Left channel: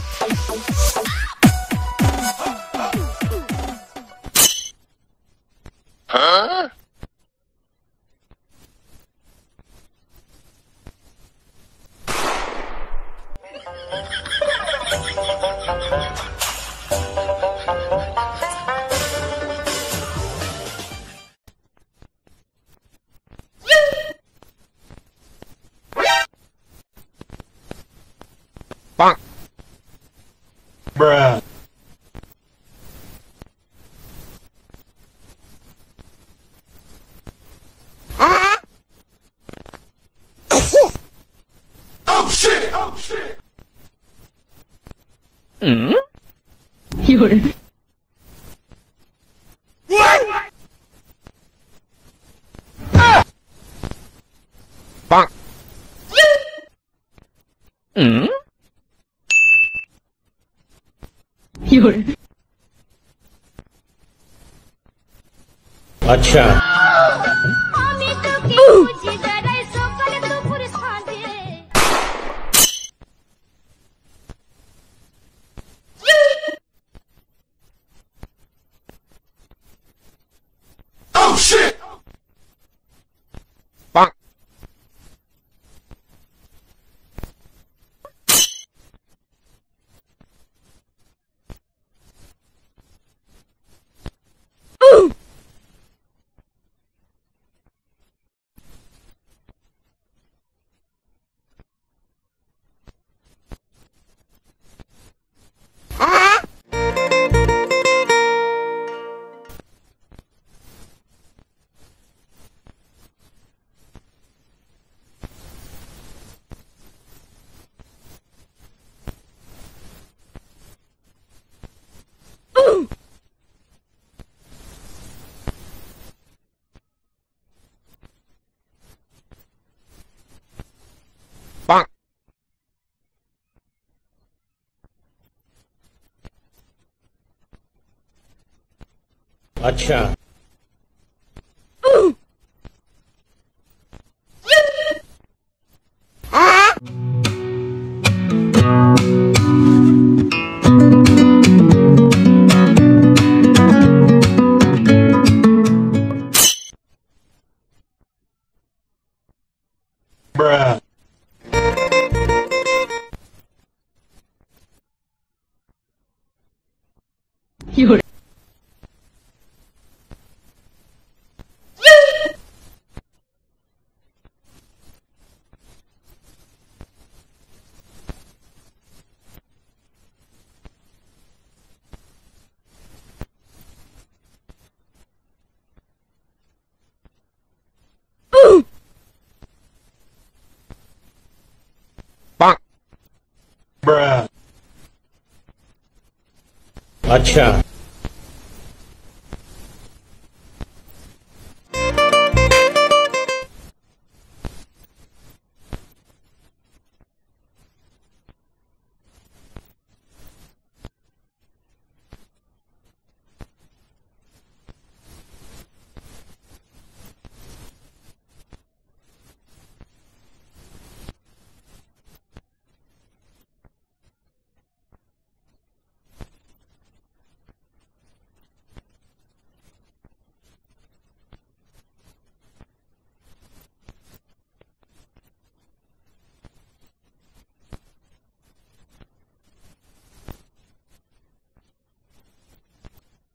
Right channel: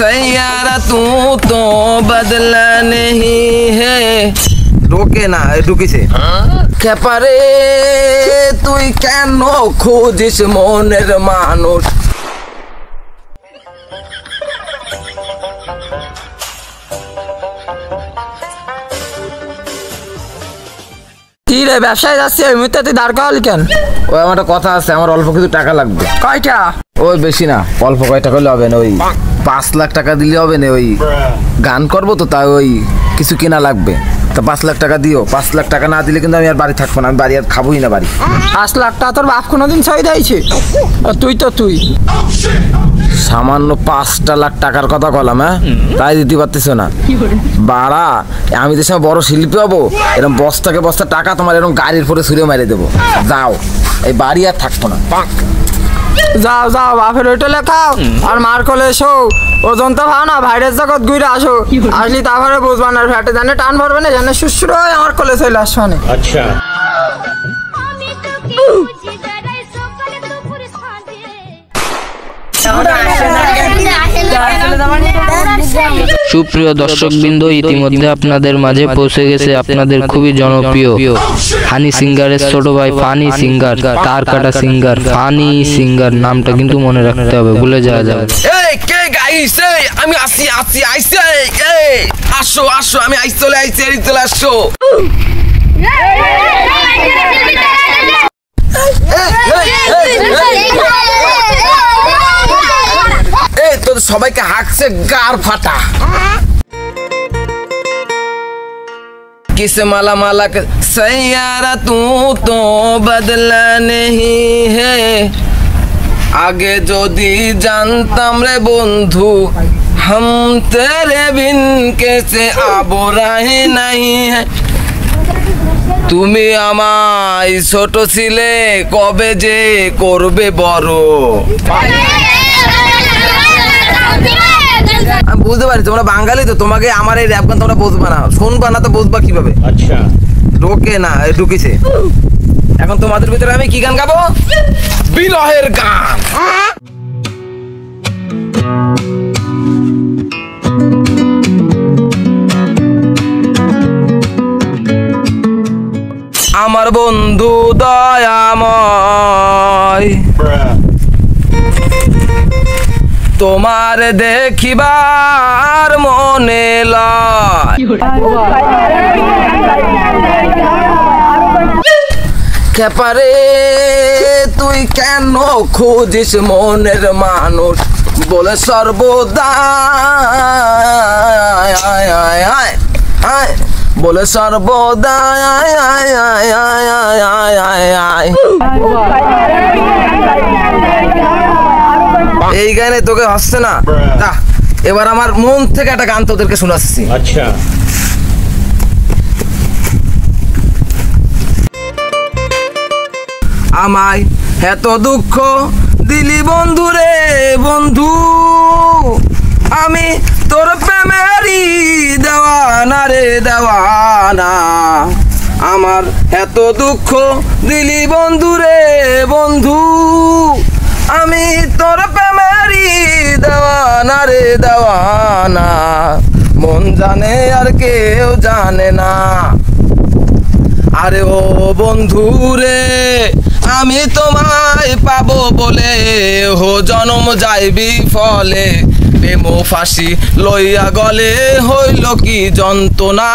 सैयारा तू तो बदला नहीं है ঢোকে না ঢুকিছে খেপারে তুই কেন খুঁজিস মনের মানুষ কি রে ব্যবসায় যাচ্ছি ওই মুহূর্তে তুই দাঁড় করালি কেন? ওই আমার একটা কথা আছে, আমার অল্প কিছু টাকা লাগবে। কয়টা? ওই বেশি না, অল্প কয় টাকা হলে হবে না, ওই 5 লাখ টাকা দিলে হবে না। ওই গান করবো তো, তাই ওই কিছু কেনা লাগবে। তা 5 লাখ টাকা দিও। 5 লাখ টাকা না দিলে কিন্তু আমি আর বাড়ি থাকবো না, আমি বাড়ি আর খাবোই না বাড়ি। 5 লাখ টাকা তোর বাপ কোনোদিন সই দিয়েছে? তুই সামান্য 5টা লাখ টাকার কথা বললাম, হ্যাঁ তাই দিতে পারতেছ না বাড়া। আমি তো সময় বড় শিল্পী হবো, এরকম বস্তাকে বস্তা টাকা তোমার এরকম গাড়ির পরে ছুঁড়ে মেরে দেবো। যাও, এই বাড়ি আর থাকবো না। যাও যাও বাপের হোটেলে খাও আর মার কোলে এসো। ওজন তো ভাও না, ভাইরাস জগৎ ঘুরে আসো। আসলি তারপরে বুঝবা না, ফ্যাটে জানে টান ভরবে না, জানে শুশুর হয়ে আমার কোলে চলে আসবে না। আচ্ছা সুপ্রিয় দর্শকবৃন্দ, ইতিমধ্যে আপনাদের মাঝে পৌঁছে গেছে আপনাদের খুবই জনপ্রিয় হানি সিঙ্গারের ছোট ভাই ফানি সিঙ্গার, তার কাটা সিঙ্গার, ফানি সিঙ্গার। নামটা কিন্তু মনে রাখতে হবে, ভুলে যাওয়া যাবে। আমি আসি আইসে, আসো আসো, আমি চলে আসো। তোর সবাইকে হাঁকছে গার ফাটা। किस माला माला के सैयारा तू तो बदला नहीं है आगे যদি জানতাম রে বন্ধু हम तेरे बिन कैसे अब रहे नहीं है তুমি আমায় ছোট ছিলে কবে যে করবে বড়। আমি বুঝতে পারি তোমরা বাঙালি তো, তোমাকে আমার এই র‍্যাপ গান তোমরা বুঝবা না, শুনবা না তো বুঝবা কিভাবে? আচ্ছা ঢোকে না ঢুকিছে। এখন তোমাদের ভিতরে আমি কি গান গাবো? বিরহের গান। আমার বন্ধু দয়াময় তোমার দেখিবার মনে লয় খেপারে তুই কেন খুঁজিস মনের মানুষ বলে সর্বদা বলে সর্বদা এই গানে তোকে হচ্ছে না। এবার আমার মন থেকে একটা গান তোদেরকে শোনাচ্ছি। আচ্ছা আমায় এত দুঃখ দিলি বন্ধু রে বন্ধু আমি তোর প্রেমেরই দেওয়ানা রে দেওয়ানা আমার এত দুঃখ দিলি বন্ধু রে বন্ধু আমি তোর প্রেমেরই দেওয়ানা রে দেওয়ানা মন জানে আর কেউ জানে না আরে ও বন্ধু রে আমি তোমায় পাবো বলে হো জনম যাইবি ফলে প্রেম ফাঁসি লইয়া গলে হইল কি যন্ত্রণা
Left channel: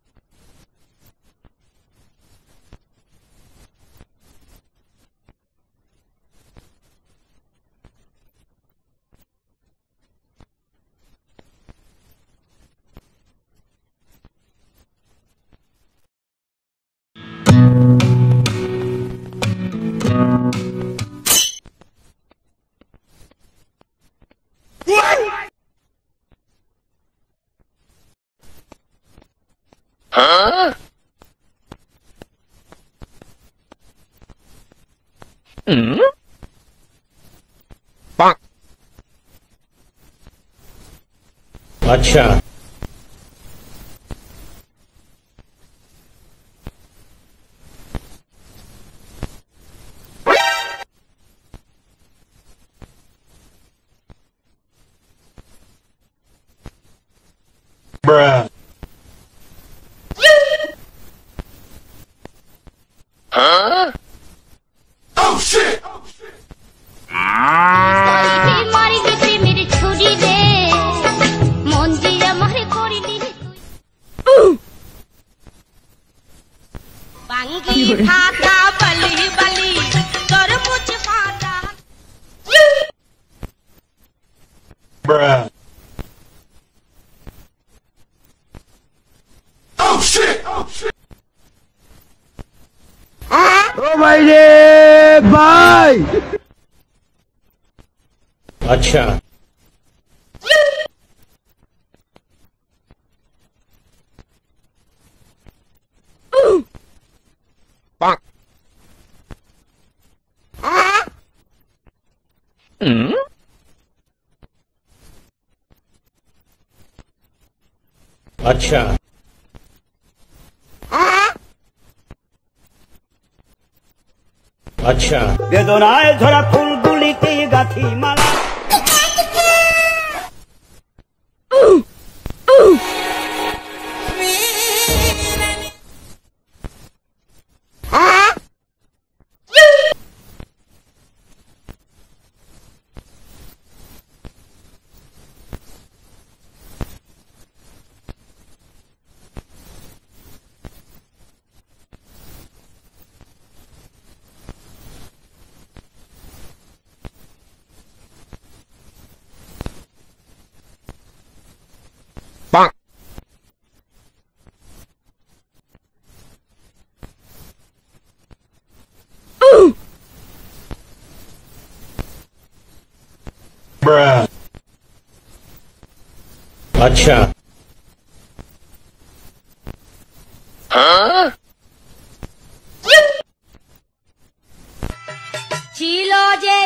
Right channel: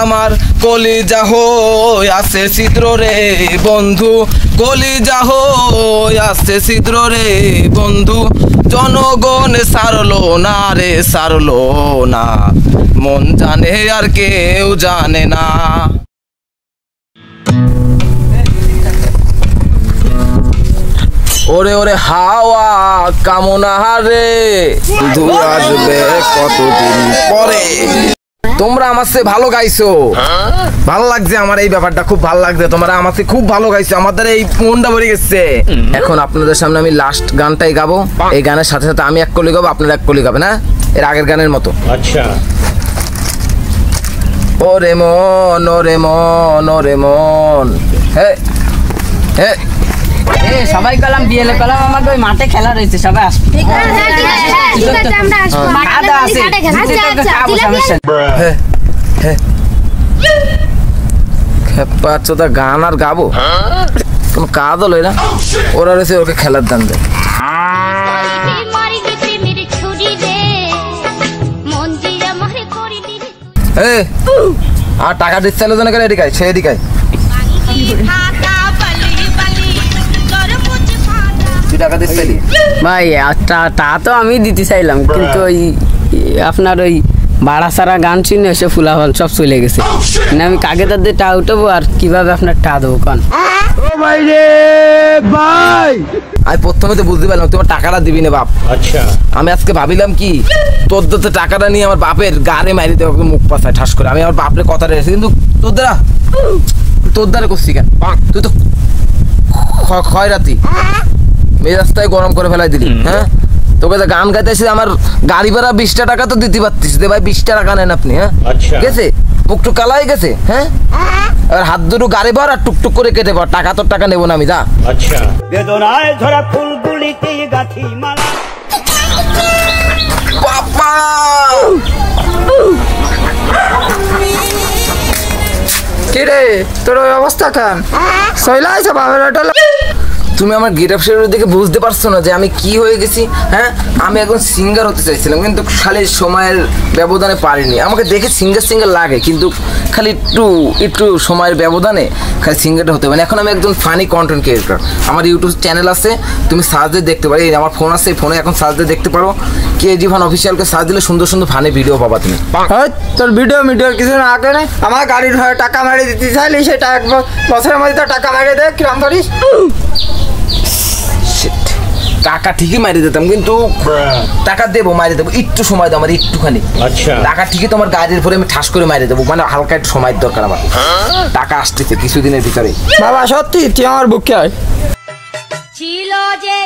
আমার কলিজা হই আছে ছিদ্র রে বন্ধু কলিজা হই আছে ছিদ্র রে বন্ধু জনগণ সারলো না রে সারলো না মন জানে আর কেউ জানে না ওরে ওরে হাওয়া কামনা রে শুধু আসবে কতদিন পরে তোমরা আমার চেয়ে ভালো গাইছো ভালো লাগছে আমার এই ব্যাপারটা খুব ভালো লাগছে তোমরা আমার চেয়ে খুব ভালো গাইছো আমাদের এই মনটা ভরে গেছে এখন আপনাদের সামনে আমি লাস্ট গানটাই গাবো এই গানের সাথে সাথে আমি এক কলি গাবো আপনারা এক কলি গাবেন না এর আগের গানের মতো আচ্ছা ওরে মন ওরে মন ওরে মন হে হে সবাই কলাম বিয়েলে কলাম আমাকে ওই মাঠে খেলা রয়েছে সবাই আসবে। আমরা আসবো কাদা আছে আচ্ছা আচ্ছা জিলাপি খেপা চোদা গান আর গাবো কোন কাজ হলো না ওরা রয়েছে ওকে খেলার দান দেয় মারি দিতে মেরে ছুরি দে মন দিয়া মারে করি দি আর টাকা দিচ্ছে না কেন এদিকায় সে এদিকায় ফাটা বালি বালি তোর মুছে ফাটা তুই টাকা দিচ্ছে ভাই তা তো আমি দিতে চাইলাম কিন্তু ওই আপনার ওই বাড়া সারা গান শুনে এসে ফুলাফল সব চলে গেছে মানে আমি কাকে তাদের টা উঠবো আর কিভাবে আপনার টা দেবো কান আমি প্রথমে তো বুঝতে পারলাম তোমার টাকাটা দিবি না বাপ। আচ্ছা আমি আজকে ভাবিলাম কি তোর তো টাকাটা নিয়ে আমার বাপের গাড়ে মারি দেবো মুখ পাশায় ঠাস করে আমি আমার বাপের কথা রেখেছি কিন্তু তোর দ্বারা করছি কেন তুই তো খয়রাতি মেজাজটাই গরম করে ফেলাই দিলি হ্যাঁ তোকে তো গান গাইতে এসে আমার গাড়ি ভাড়া 20টা টাকা তো দিতে পারতিস দে ভাই 20টা টাকা নেন আপনি হ্যাঁ গেছে মুখটুক কালা হয়ে গেছে হ্যাঁ আর হাত দুটো গাড়ি ভাড়া টুকটুক করে কেটে পর টাকা তোর টাকা নেবো না আমি যা। আচ্ছা বেদনায় ধরা ফুলগুলিতে গাঁথি মালা বাবা কি রে তোর ওই অবস্থা কেন সইলা আছে বাবার হোটেলে তুমি আমার গেট আপ শেডের দিকে বুঝতে পারছো না যে আমি কি হয়ে গেছি হ্যাঁ আমি এখন সিঙ্গার হতে চাইছিলাম কিন্তু খালি সময়ের ব্যবধানে পারিনি আমাকে দেখে সিঙ্গার লাগে কিন্তু খালি একটু সময়ের ব্যবধানে খালি সিঙ্গারটা হতে পারে এখন আমি একজন ফানি কন্টেন্ট ক্রিয়েটর আমার ইউটিউব চ্যানেল আছে তুমি সার্চ দিয়ে দেখতে পারো এই আমার ফোন আছে ফোনে এখন সার্চ দিয়ে দেখতে পারো কেজি ভান অফিসিয়ালকে সার্চ দিলে সুন্দর সুন্দর ফানি ভিডিও পাবা তুমি তোর ভিডিওর কিছু না আগে না আমার গাড়ির ভাড়া টাকা মারিয়ে দিতে চাইলে সেটা এক বছরের মধ্যে তো টাকা মারিয়ে দেয় কিরম করিস টাকা ঠিকই মারি দিতাম কিন্তু টাকা দেবো মারি দেবো একটু সময় দাও আমার একটুখানি টাকা ঠিকই তোমার গাড়ির উপরে আমি ঠাস করে মারি দেবো মানে হালকা একটু সময়ের দরকার আমার টাকা আসতেছে কিছুদিনের ভিতরে বাবা সত্যি তুই আমার বুকে ছিল যে